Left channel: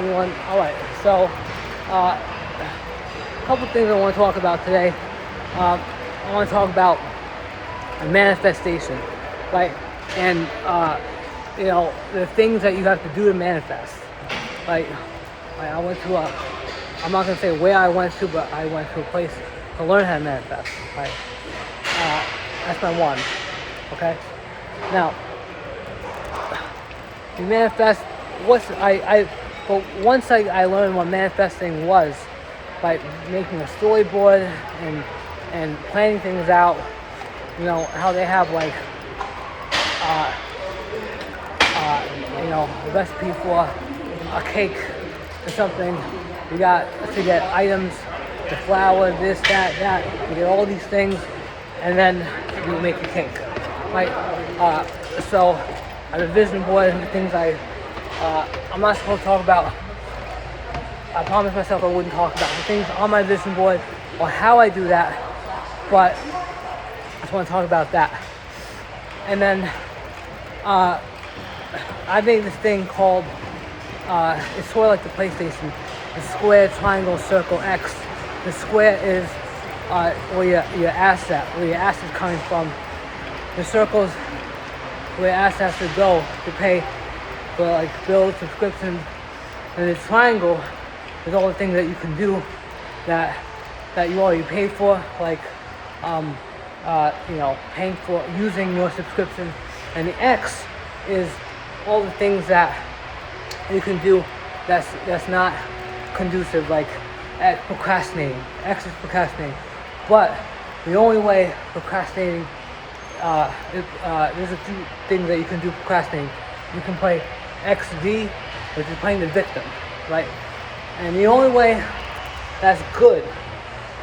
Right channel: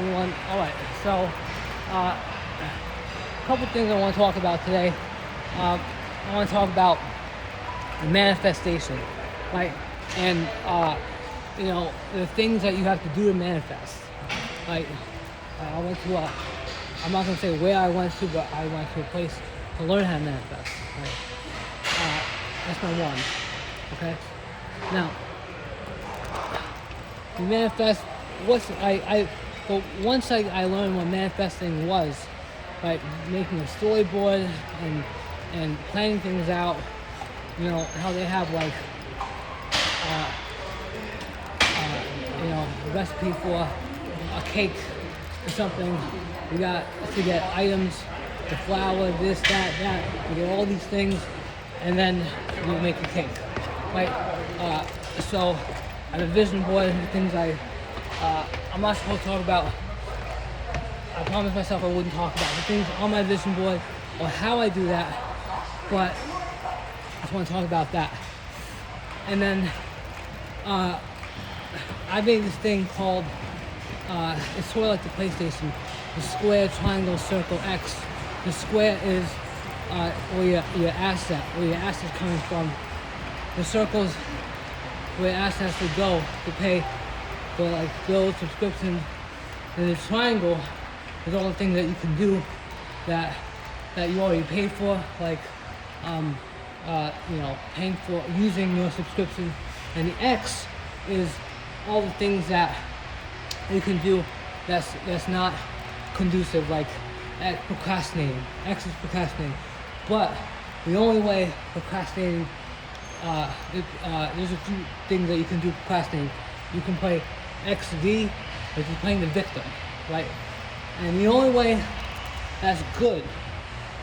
everyone. Alright, so a couple things I want to talk about today. I want to talk about manifestation, right? And the things that you have to do to manifest. Like I went to I'm not gonna say where I went to, but I went to a place to learn how to manifest. Right? That's my one. Okay. Now, you manifest. Once I learned what manifesting was, by making a storyboard and planning things out. You know how they have like a recipe for a cake or something. You got to get items, the flour, this, that. You get all these things, and then you make a cake, right? So I have a vision board and the things I'm not supposed to talk about. I promised myself I wouldn't talk about the things on my vision board or how I do that, but I just want to talk about that. And then I made this thing called, it's sort of like the PlayStation, the square, triangle, circle, X. The square is where your asset is coming from. The circles where your asset has to go to pay for like bills, subscriptions, and the triangle is all the things that you can do that you already paid for, like paying for using your subscription. And the X is all the things that you can do that's not conducive, like procrastinating. X is procrastinating. But the only way procrastinating, there's a few things that you can do procrastinating. You can play XD, which is playing the victim, right? And the only way that's good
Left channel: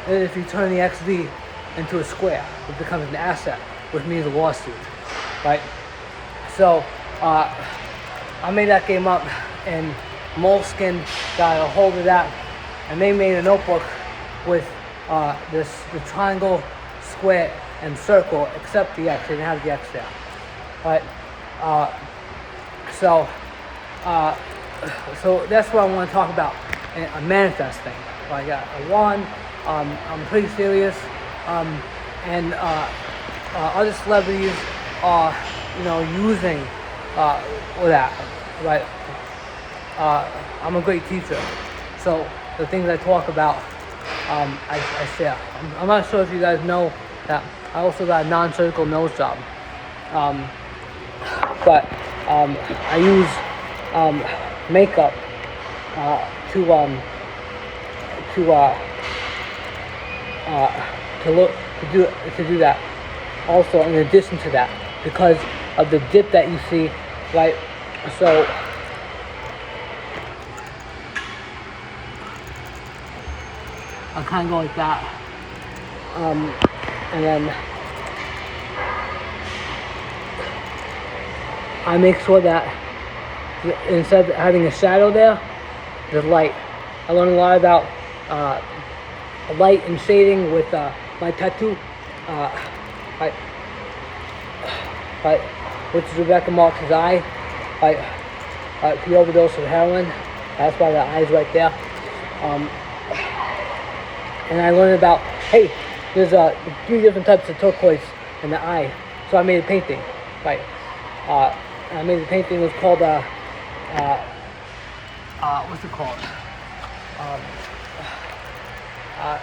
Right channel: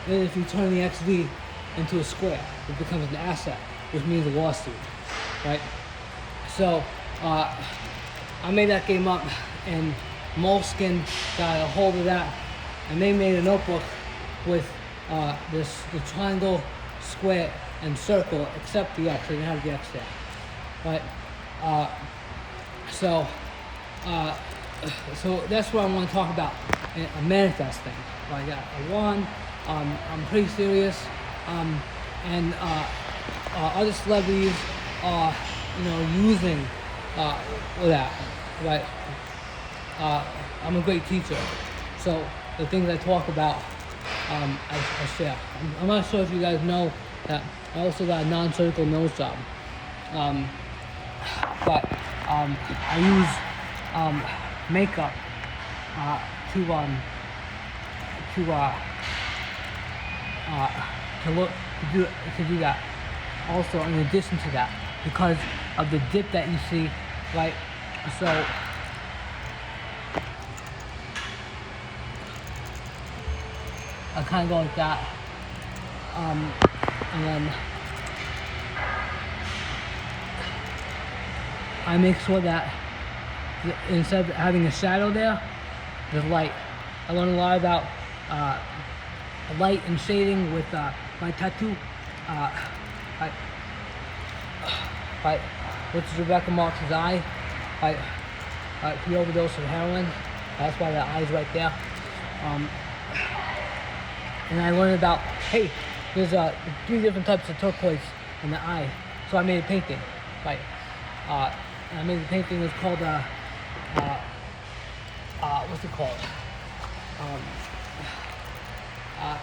is if you turn the XD into a square, which becomes an asset, which means a lawsuit, right? So I made that game up, and Moleskine got a hold of that, and they made a notebook with the triangle, square, and circle, except the X. They didn't have the X there, right? So that's what I want to talk about, a manifesting. Like I'm pretty serious, and other celebrities are, using that, right? I'm a great teacher, so the things I talk about, I share. I'm not sure if you guys know that I also got a non-surgical nose job, but I use makeup to do that. Also, in addition to that, because of the dip that you see, right? So I kind of go like that, and then I make sure that instead of having a shadow there, there's light. I learned a lot about light and shading with my tattoo, which is Rebecca Marx's eye. She overdosed with heroin. That's why the eye's right there. And I learned about, hey, there's a few different types of turquoise in the eye. So I made a painting, right? I made a painting. It was called what's it called? I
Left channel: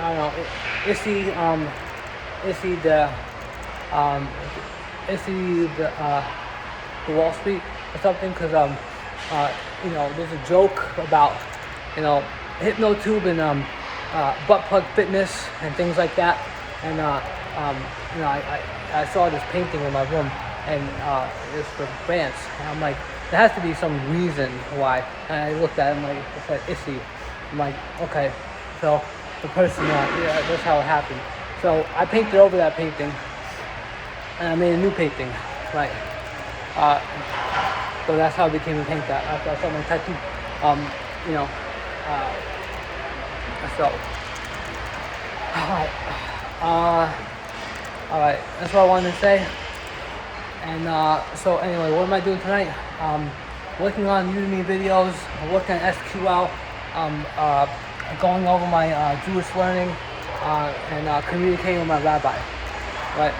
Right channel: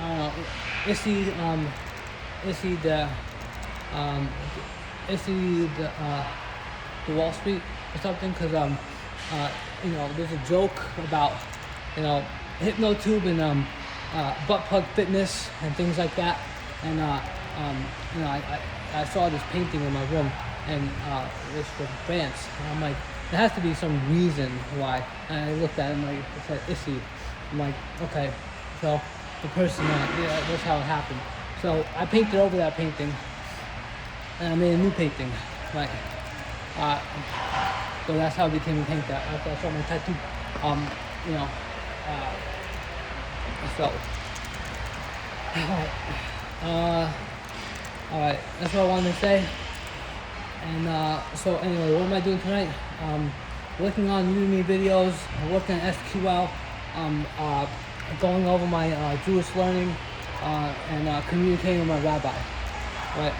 don't know. Issy the Wall Street or something, because there's a joke about Hypnotube and butt plug fitness and things like that. And I saw this painting in my room, and it was from France. And I'm like, there has to be some reason why. And I looked at it, I'm like, it said Issy. I'm like, okay, so the person, that's how it happened. So I painted over that painting, and I made a new painting, right? So that's how I became a paint that after I saw my tattoo. So, alright, that's what I wanted to say. And so anyway, what am I doing tonight? working on Udemy videos, working on SQL, going over my Jewish learning, and communicating with my rabbi. Right.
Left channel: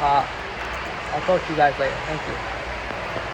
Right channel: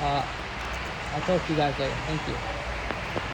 I'll talk to you guys later. Thank you.